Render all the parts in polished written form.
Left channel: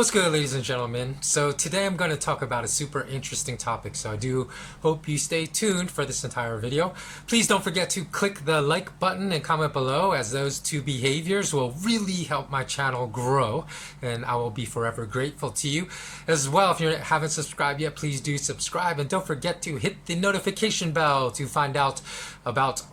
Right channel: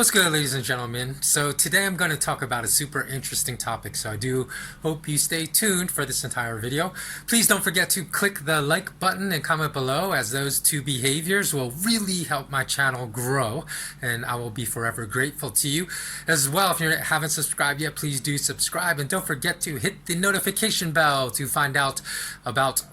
What's good, ladies and gentlemen? So today I'm going to talk about a super interesting topic, so I do hope you stay tuned for this entire video. Please don't forget to click the like button and comment below, as those two behaviors will really help my channel grow, and I will be forever grateful to you. As well, if you haven't subscribed yet, please do subscribe, and don't forget to hit the notification bell to find out about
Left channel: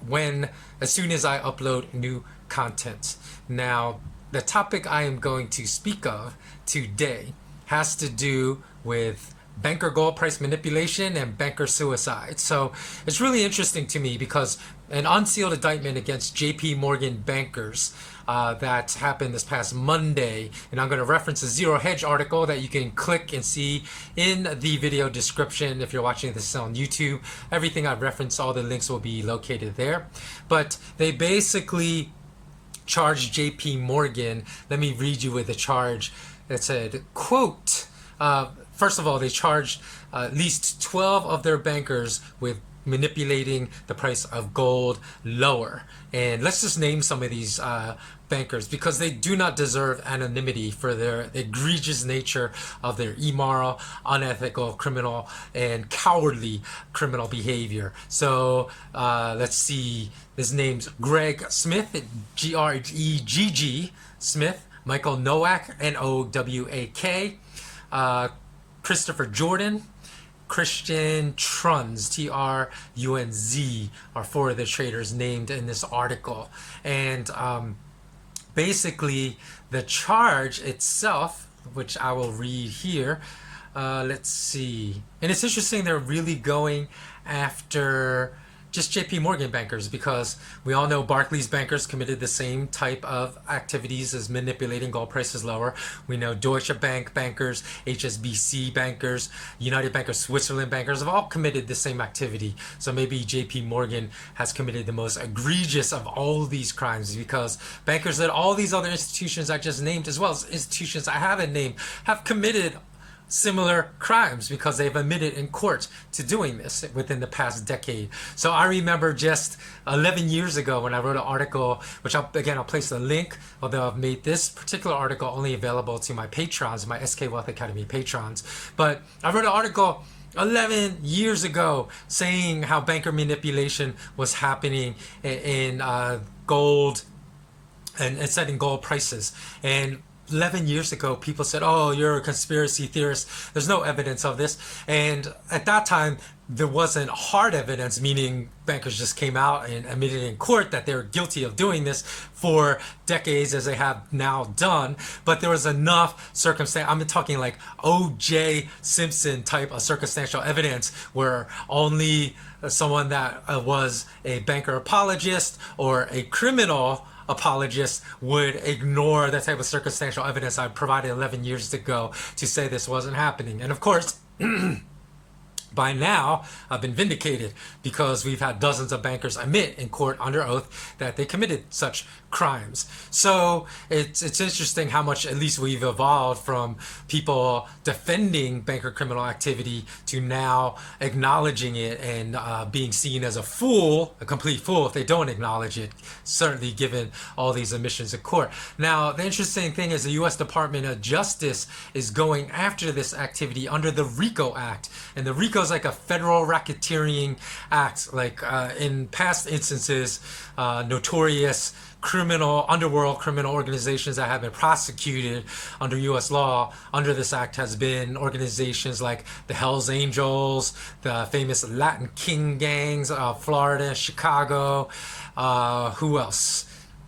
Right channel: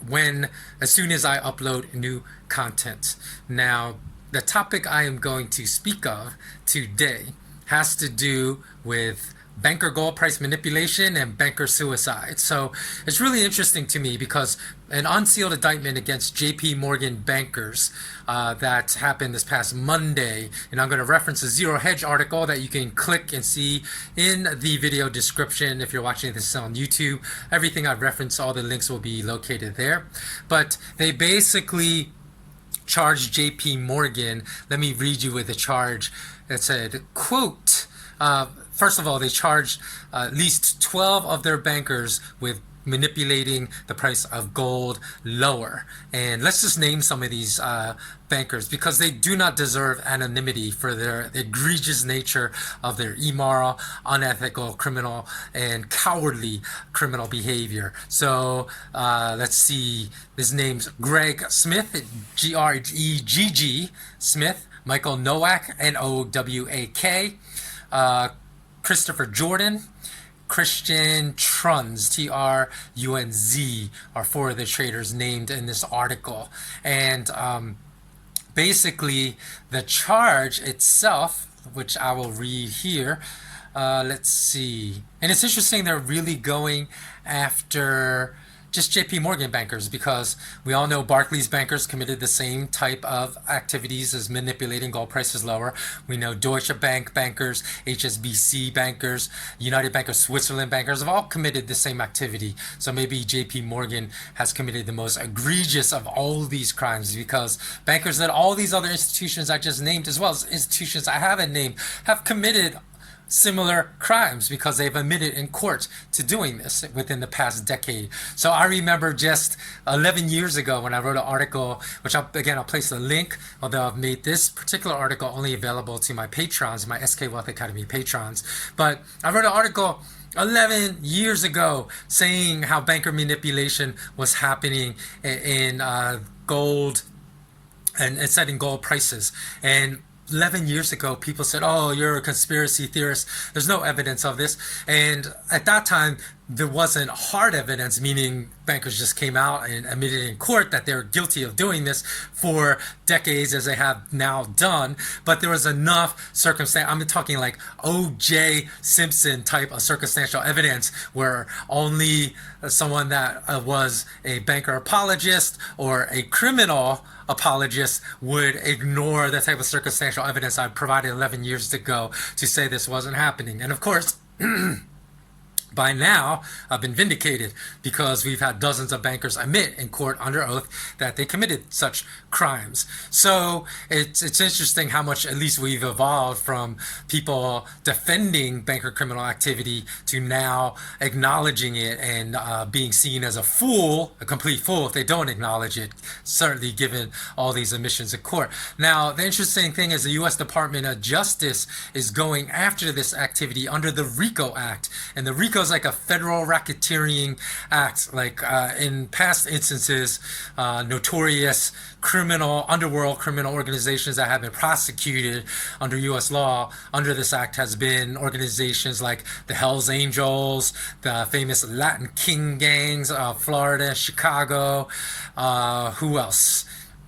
as soon as I upload new content. Now, the topic I am going to speak of today has to do with banker gold price manipulation and banker suicide. So it's really interesting to me because an unsealed indictment against JP Morgan bankers that happened this past Monday, and I'm going to reference a Zero Hedge article that you can click and see in the video description if you're watching this on YouTube. Everything I've referenced, all the links will be located there. But they basically charged JP Morgan. Let me read you with a charge that said, quote, first of all, they charged at least 12 of their bankers with manipulating the price of gold lower. And let's just name some of these bankers because they do not deserve anonymity for their egregious nature of their immoral, unethical, criminal, and cowardly criminal behavior. So let's see. His name's Greg Smith, G-R-E-G-G Smith, Michael Nowak, N-O-W-A-K, Christopher Jordan, Christian Trunz, T-R-U-N-Z, are four of the traders named in this article. And basically, the charge itself, which I will read here, let's see. And it's interesting they're really going after just JP Morgan bankers, because we all know Barclays bankers committed the same type of activities as manipulating gold prices lower. We know Deutsche Bank bankers, HSBC bankers, United Bank of Switzerland bankers have all committed the same activity. So maybe JP Morgan has committed the most egregious of all these crimes, because bankers at all these other institutions I just named, as well as institutions I haven't named, have committed similar crimes because they've admitted in court to doing this within the past decade. So I remember just 11 years ago when I wrote an article, which I'll place the link, although I've made this particular article only available to my patrons, my SK Wealth Academy patrons. But I wrote an article 11 years ago saying how banker manipulation was happening in gold and setting gold prices. And 11 years ago, people said, oh, you're a conspiracy theorist. There's no evidence of this. And at that time, there wasn't hard evidence, meaning bankers just came out and admitted in court that they were guilty of doing this for decades, as they have now done. But there was enough circumstance. I'm talking like O.J. Simpson type of circumstantial evidence, where only someone that was a banker apologist or a criminal apologists would ignore the type of circumstantial evidence I provided 11 years ago to say this wasn't happening. And of course, by now, I've been vindicated because we've had dozens of bankers admit in court under oath that they committed such crimes. So it's interesting how much at least we've evolved from people defending banker criminal activity to now acknowledging it and being seen as a fool, a complete fool, if they don't acknowledge it, certainly given all these admissions in court. Now, the interesting thing is the U.S. Department of Justice is going after this activity under the RICO Act. And the RICO is like a federal racketeering act. Like in past instances, notorious underworld criminal organizations that have been prosecuted under U.S. law under this act has been organizations like the Hells Angels, the famous Latin King gangs of Florida, Chicago. Who else?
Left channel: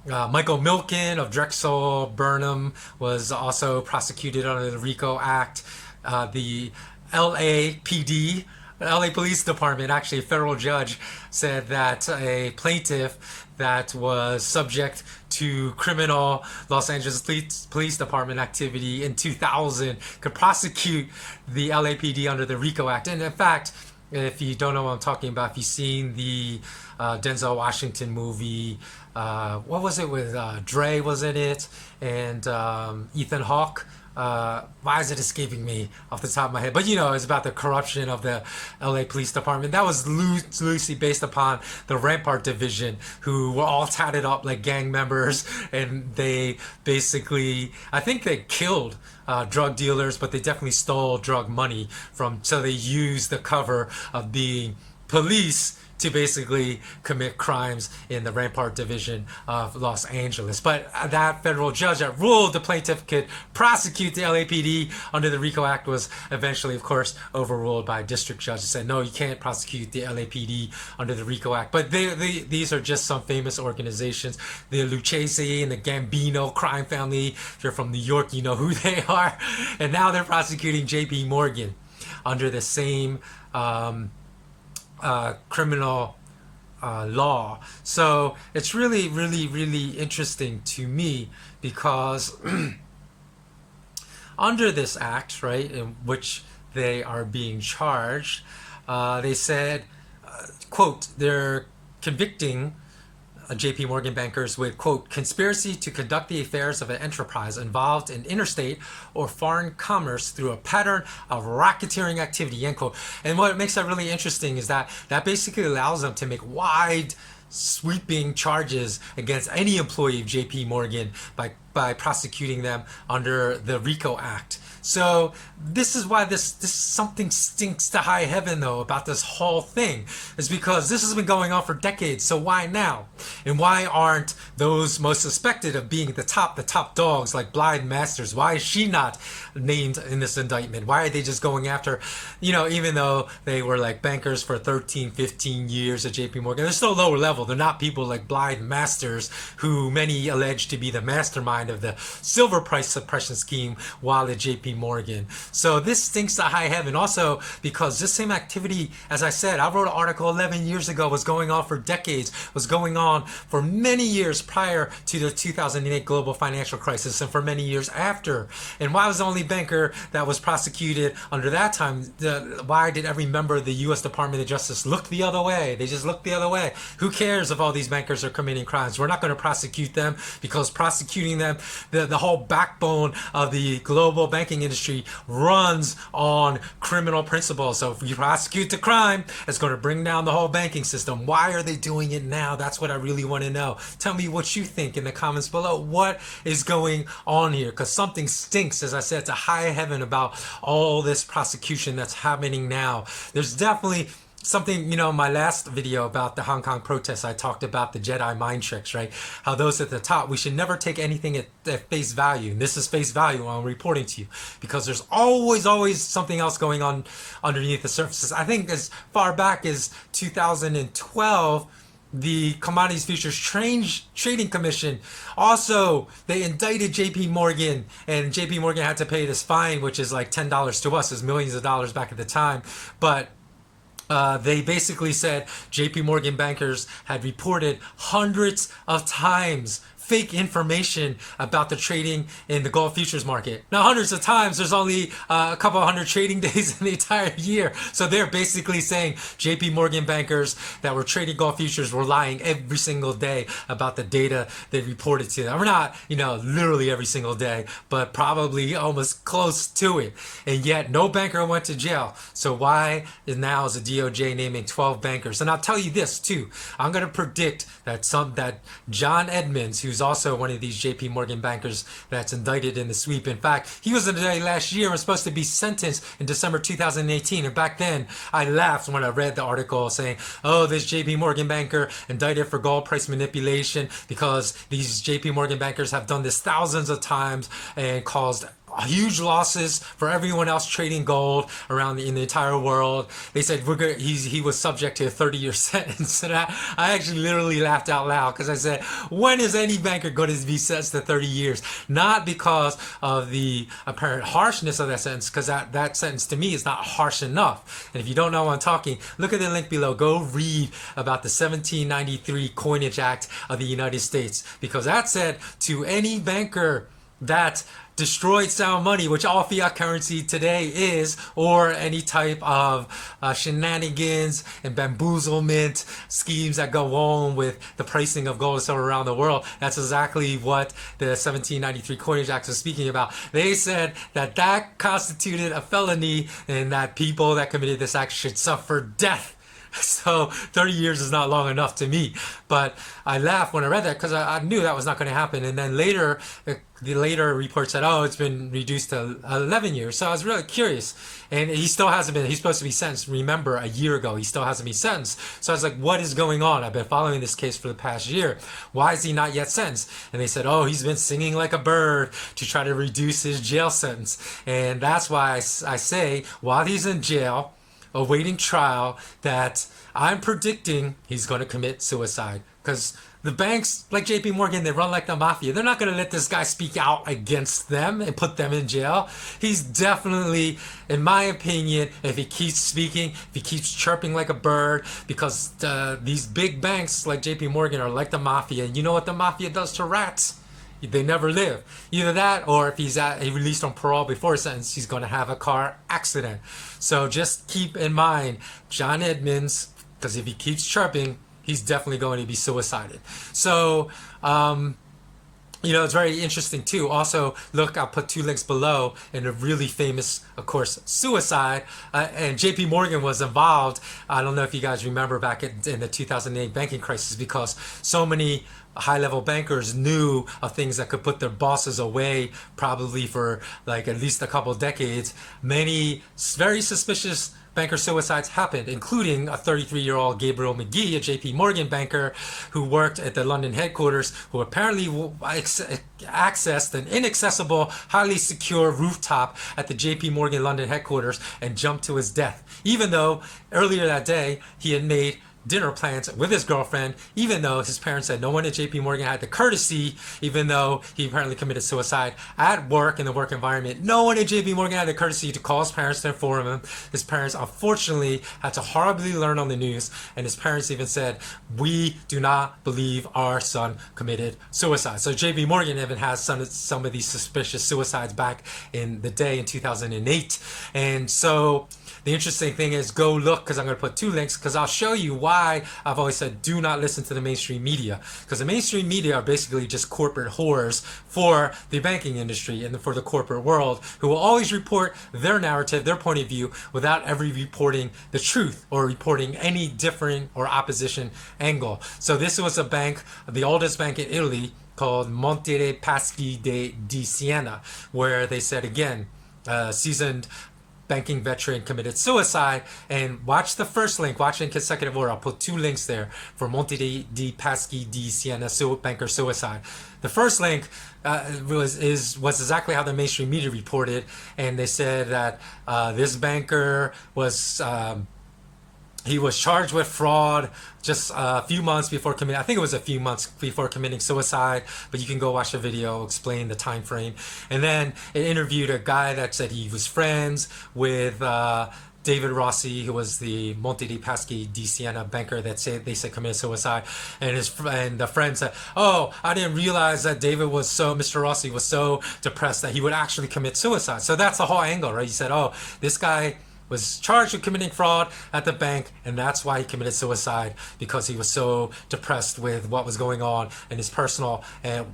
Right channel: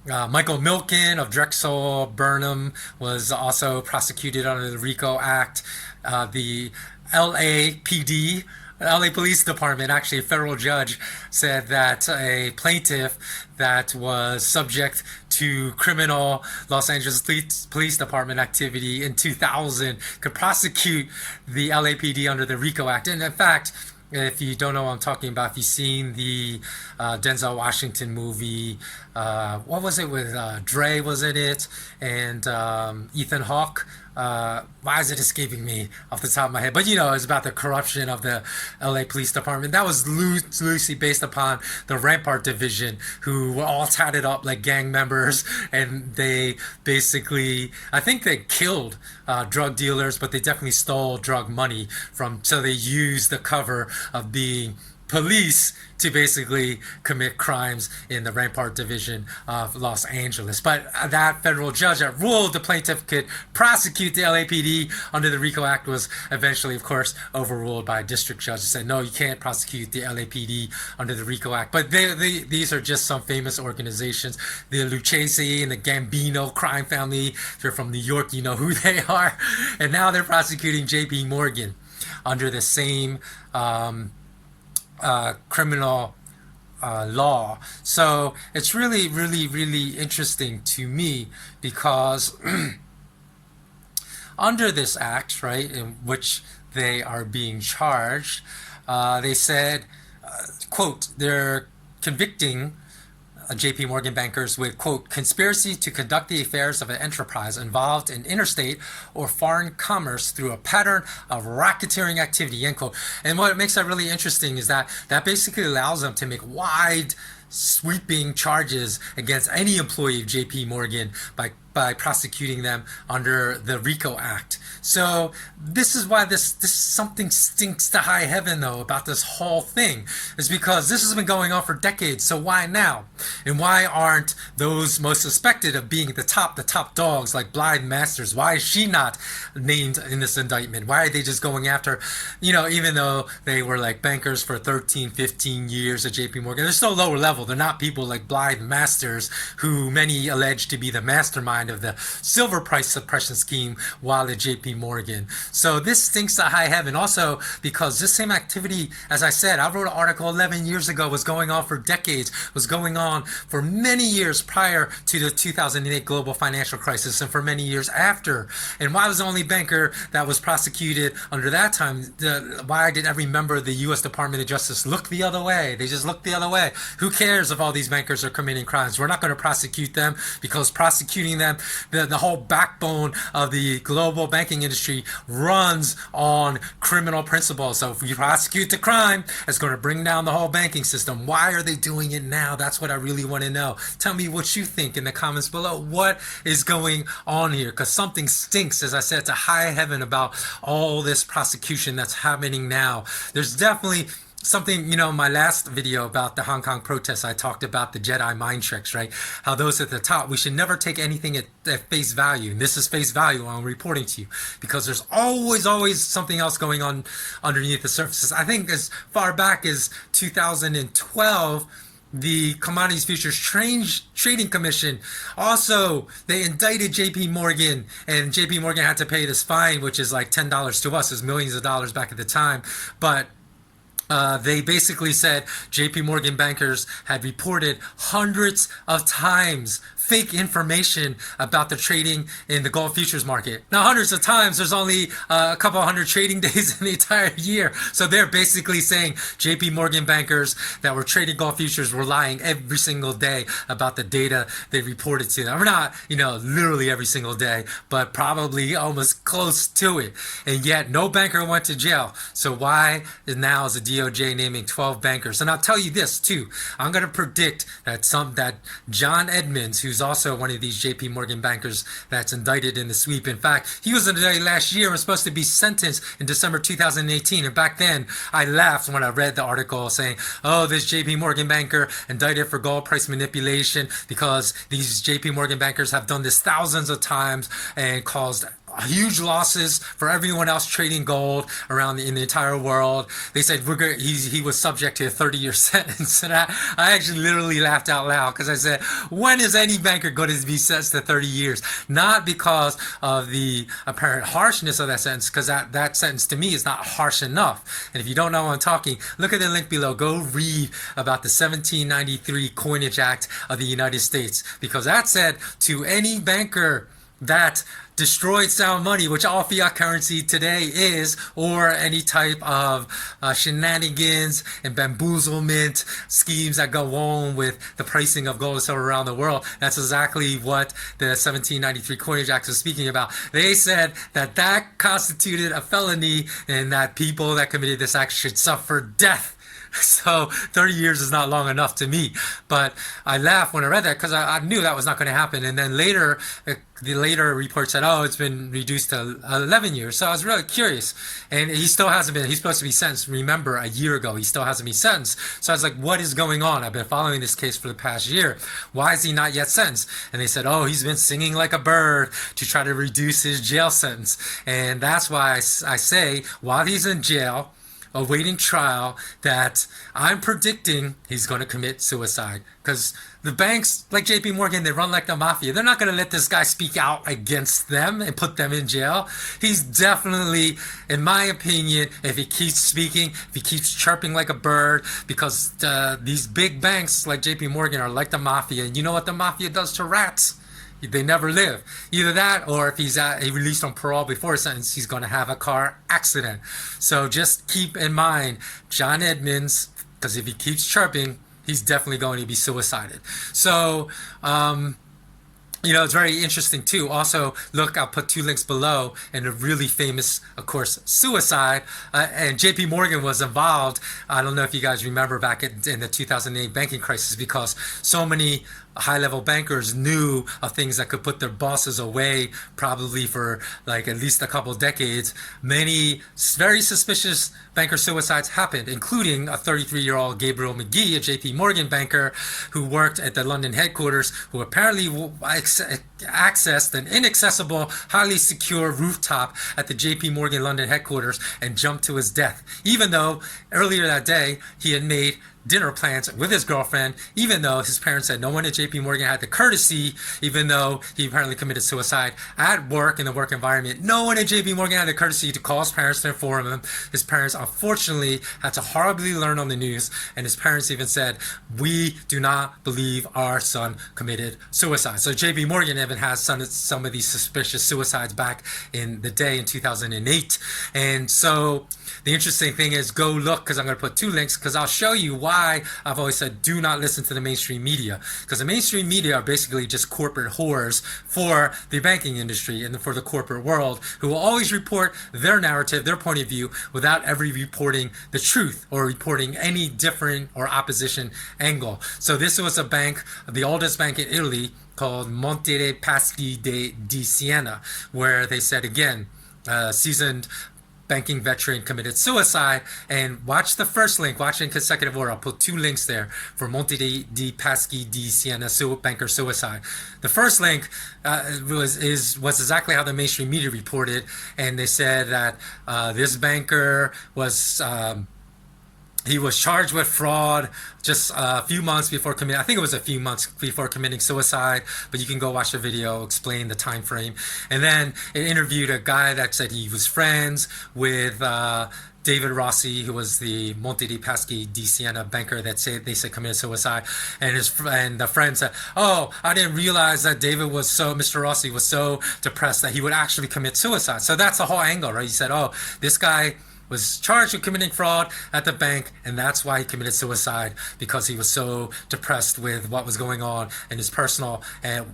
Michael Milken of Drexel Burnham was also prosecuted under the RICO Act. The LAPD, LA Police Department, actually a federal judge said that a plaintiff that was subject to criminal Los Angeles Police Department activity in 2000 could prosecute the LAPD under the RICO Act. And in fact, if you don't know what I'm talking about, if you've seen the Denzel Washington movie, what was it with Dre was in it, and Ethan Hawke. Why is it escaping me off the top of my head? But it's about the corruption of the LA Police Department. That was loosely based upon the Rampart Division, who were all tatted up like gang members, and they basically, I think they killed drug dealers, but they definitely stole drug money from. So they used the cover of being police to basically commit crimes in the Rampart Division of Los Angeles. But that federal judge that ruled the plaintiff could prosecute the LAPD under the RICO Act was eventually, of course, overruled by a district judge and said, no, you can't prosecute the LAPD under the RICO Act. But these are just some famous organizations. The Lucchese and the Gambino crime family, they're from New York, you know who they are. And now they're prosecuting JP Morgan under the same criminal law. So it's really, really, really interesting to me because under this act, right, in which they are being charged, they said, quote, they're convicting JP Morgan bankers with, quote, conspiracy to conduct the affairs of an enterprise involved in interstate or foreign commerce through a pattern of racketeering activity, end quote. And what makes that really interesting is that basically allows them to make wide sweeping charges against any employee of JP Morgan by prosecuting them under the RICO Act. So this is why this something stinks to high heaven though about this whole thing, is because this has been going on for decades. So why now? And why aren't those most suspected of being the top dogs like Blythe Masters? Why is she not named in this indictment? Why are they just going after, even though they were like bankers for 13, 15 years at JP Morgan, they're still lower level. They're not people like Blythe Masters, who many allege to be the mastermind of the silver price suppression scheme while at JP Morgan. So this stinks to high heaven. Also, because this same activity, as I said, I wrote an article 11 years ago, was going on for decades, was going on for many years prior to the 2008 global financial crisis and for many years after. And why was the only banker that was prosecuted under that time? Why did every member of the U.S. Department of Justice look the other way? They just look the other way. Who cares if all these bankers are committing crimes? We're not going to prosecute them, because prosecuting them, the whole backbone of the global banking industry runs on criminal principles. So if we prosecute the crime, it's going to bring down the whole banking system. Why are they doing it now? That's what I really want to know. Tell me what you think in the comments below. What is going on here? Because something stinks, as I said, to high heaven about all this prosecution that's happening now. There's definitely something, in my last video about the Hong Kong protests, I talked about the Jedi mind tricks, right? How those at the top, we should never take anything at face value. And this is face value while I'm reporting to you, because there's always something else going on underneath the surface. I think as far back as 2012, the Commodities Futures Trading Commission, also, they indicted JP Morgan, and JP Morgan had to pay this fine, which is like $10 to us, is millions of dollars back at the time. But they basically said JP Morgan bankers had reported hundreds of times fake information about the trading in the gold futures market. Now, hundreds of times, there's only a couple hundred trading days in the entire year. So they're basically saying JP Morgan bankers that were trading gold futures were lying every single day about the data they reported to them. We're not, literally every single day, but probably almost close to it. And yet no banker went to jail. So why now is the DOJ naming 12 bankers? And I'll tell you this too. I'm going to predict that John Edmonds, who's also one of these JP Morgan bankers that's indicted in the sweep. In fact, he was indicted last year and was supposed to be sentenced in December 2018. And back then, I laughed when I read the article saying, oh, this JP Morgan banker indicted for gold price manipulation, because these JP Morgan bankers have done this thousands of times and caused huge losses for everyone else trading gold around in the entire world. They said he was subject to a 30-year sentence. And I actually literally laughed out loud, because I said, when is any banker going to be sentenced to 30 years? Not because of the apparent harshness of that sentence, because that sentence to me is not harsh enough. And if you don't know what I'm talking, look at the link below. Go read about the 1793 Coinage Act of the United States, because that said to any banker that destroyed sound money, which all fiat currency today is, or any type of shenanigans and bamboozlement schemes that go on with the pricing of gold and silver around the world. That's exactly what the 1793 Coinage Act was speaking about. They said that that constituted a felony and that people that committed this act should suffer death. So 30 years is not long enough to me. But I laughed when I read that because I knew that was not going to happen. And then later, the later report said, oh, it's been reduced to 11 years. So I was really curious. And he still hasn't been, he's supposed to be sentenced. Remember, a year ago, he still hasn't been sentenced. So I was like, what is going on? I've been following this case for the past year. Why is he not yet sentenced? And they said, oh, he's been singing like a bird to try to reduce his jail sentence. And that's why I say, while he's in jail, awaiting trial, that I'm predicting he's going to commit suicide. Because the banks, like JP Morgan, they run like the mafia. They're not going to let this guy speak out against them and put them in jail. He's definitely, in my opinion, if he keeps speaking, if he keeps chirping like a bird, because these big banks like JP Morgan are like the mafia. And you know what the mafia does to rats? They never live. Either that, or if he's released on parole before his sentence, he's going to have a car accident. So just keep in mind, John Edmonds, because if he keeps chirping, he's definitely going to be suicided. So, it's very interesting too. Also, look, I'll put 2 links below in a really famous, of course, suicide. And JP Morgan was involved. I don't know if you guys remember back in the 2008 banking crisis, because so many high-level bankers knew of things that could put their bosses away probably for like at least a couple of decades. Many very suspicious banker suicides happened, including a 33-year-old Gabriel McGee, a JP Morgan banker who worked at the London headquarters, who apparently accessed an inaccessible, highly secure rooftop at the JP Morgan London headquarters and jumped to his death, even though earlier that day he had made dinner plans with his girlfriend, even though his parents said no one at JP Morgan had the courtesy, even though he apparently committed suicide at work in the work environment. No one at JP Morgan had the courtesy to call his parents to inform him. His parents unfortunately had to horribly learn on the news, and his parents even said, we do not believe our son committed suicide. So JP Morgan even has some of these suspicious suicides back in the day in 2008. And so the interesting thing is, go look, because I'm going to put 2 links, because I'll show you why I've always said do not listen to the mainstream media, because the mainstream media are basically just corporate whores for the banking industry and for the corporate world, who will always report their narrative, their point of view, without ever reporting the truth or reporting any different or opposition angle. So this was a bank, the oldest bank in Italy, called Monte Paschi di Sienna, where they said, again, seasoned banking veteran committed suicide. And watch the first link, watch in consecutive order. I'll put 2 links there for Monte di Paschi di Sienna banker suicide. The first link was exactly how the mainstream media reported, and they said that this banker was he was charged with fraud just a few months before committing, I think it was a few months before committing suicide, but you can go watch the video, explain the time frame. And then it interviewed a guy that said he was friends with David Rossi, who was the Monte di Paschi di Siena banker that they said committed suicide, and the friend said, "Oh, I didn't realize that Mr. Rossi was so depressed that he would actually commit suicide." So that's the whole angle, right? He said, "Oh, this guy was charged with committing fraud at the bank, and that's why he committed suicide, because he was so depressed with what was going on in his personal and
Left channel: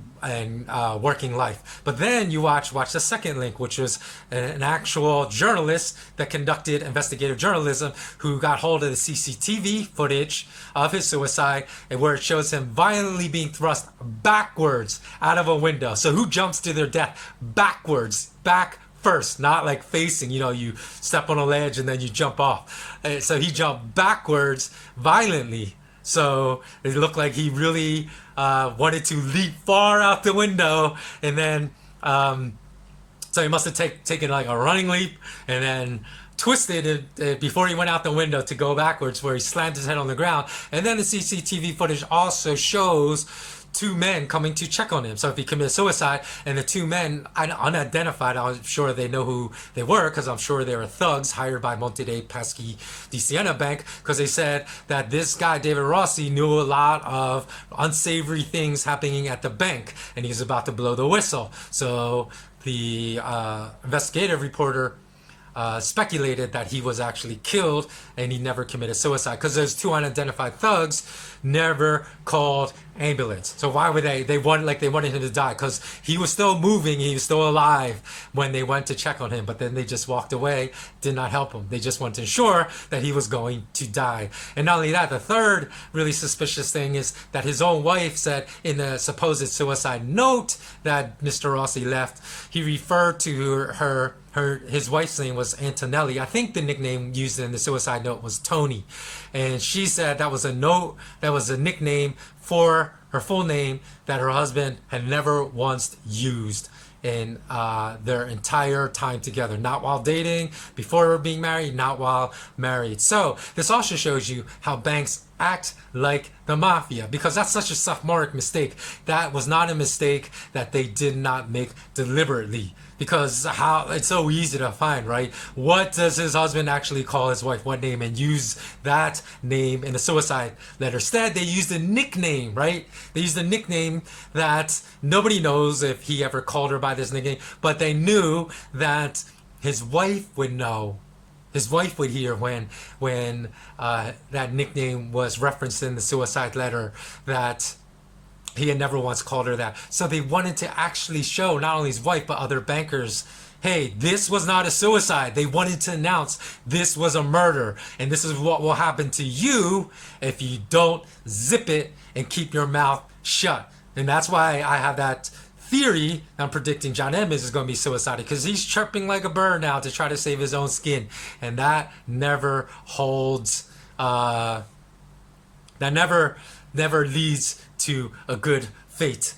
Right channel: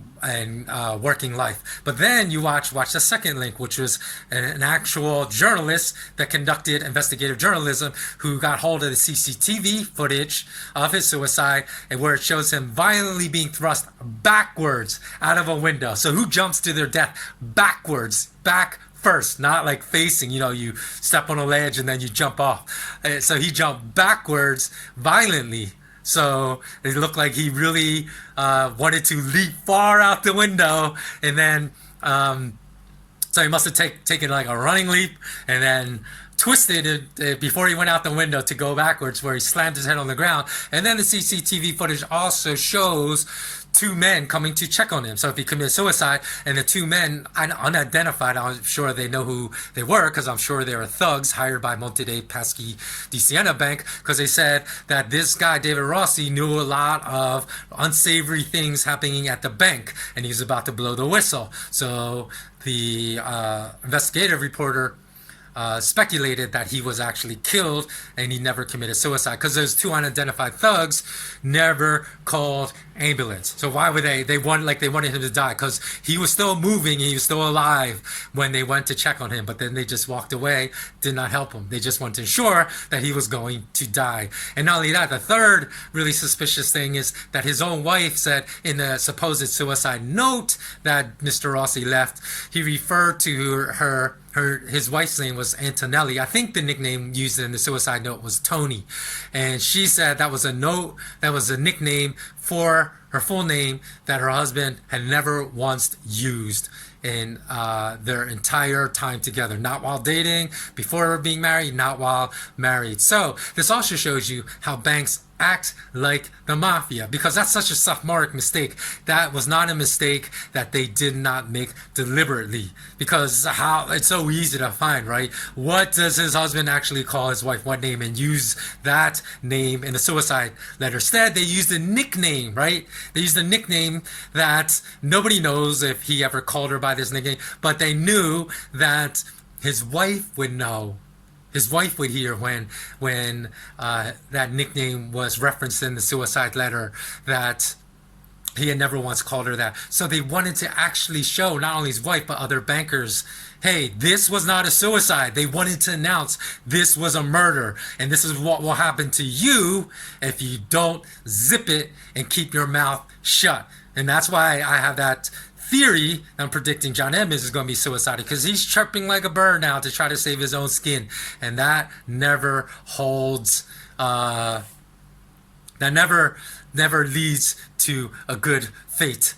working life." But then you watch the second link, which was an actual journalist that conducted investigative journalism, who got hold of the CCTV footage of his suicide, and where it shows him violently being thrust backwards out of a window. So who jumps to their death backwards, back first, not like facing, you step on a ledge and then you jump off. So he jumped backwards violently. So it looked like he really wanted to leap far out the window. And then, so he must have taken like a running leap and then twisted it before he went out the window to go backwards, where he slammed his head on the ground. And then the CCTV footage also shows two men coming to check on him. So if he committed suicide, and the two men, unidentified, I'm sure they know who they were, because I'm sure they were thugs hired by Monte, Paschi, the Sienna bank, because they said that this guy, David Rossi, knew a lot of unsavory things happening at the bank, and he was about to blow the whistle. So the investigative reporter speculated that he was actually killed and he never committed suicide, because those two unidentified thugs never called ambulance. So why would they wanted him to die, because he was still moving, he was still alive when they went to check on him, but then they just walked away, did not help him. They just wanted to ensure that he was going to die. And not only that, the third really suspicious thing is that his own wife said in the supposed suicide note that Mr. Rossi left, he referred to his wife's name was Antonelli. I think the nickname used in the suicide note was Tony. And she said that was a nickname for her full name that her husband had never once used in their entire time together. Not while dating, before being married, not while married. So this also shows you how banks act like the mafia, because that's such a sophomoric mistake. That was not a mistake that they did not make deliberately, because how it's so easy to find, right? What does his husband actually call his wife, what name, and use that name in a suicide letter? Instead, they used a nickname, right? They used a nickname that nobody knows if he ever called her by this nickname, but they knew that his wife would know. His wife would hear when that nickname was referenced in the suicide letter, that he had never once called her that. So they wanted to actually show not only his wife but other bankers, hey, this was not a suicide. They wanted to announce this was a murder, and this is what will happen to you if you don't zip it and keep your mouth shut. And that's why I have that theory. I'm predicting John Edmonds is going to be suicidal, because he's chirping like a bird now to try to save his own skin, and that never holds. That never leads to a good fate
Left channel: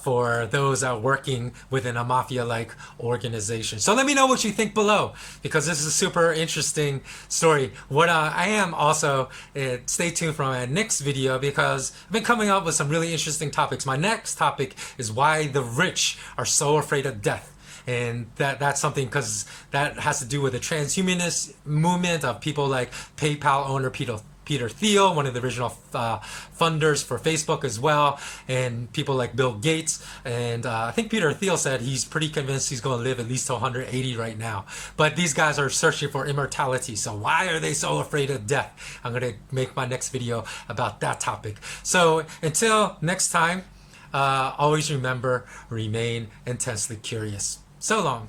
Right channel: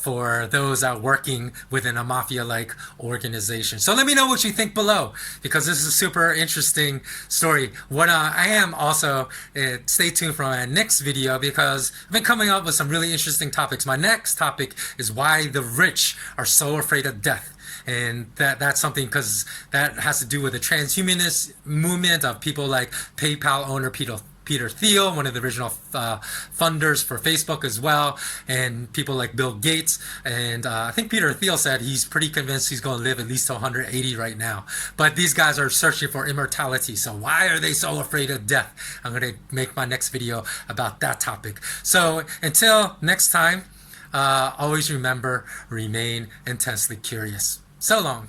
for those that are working within a mafia-like organization. So let me know what you think below, because this is a super interesting story. What I am also, stay tuned for my next video, because I've been coming up with some really interesting topics. My next topic is why the rich are so afraid of death. And that's something, because that has to do with the transhumanist movement of people like PayPal owner Peter Thiel, one of the original funders for Facebook as well, and people like Bill Gates. And I think Peter Thiel said he's pretty convinced he's going to live at least to 180 right now. But these guys are searching for immortality. So why are they so afraid of death? I'm going to make my next video about that topic. So until next time, always remember, remain intensely curious. So long.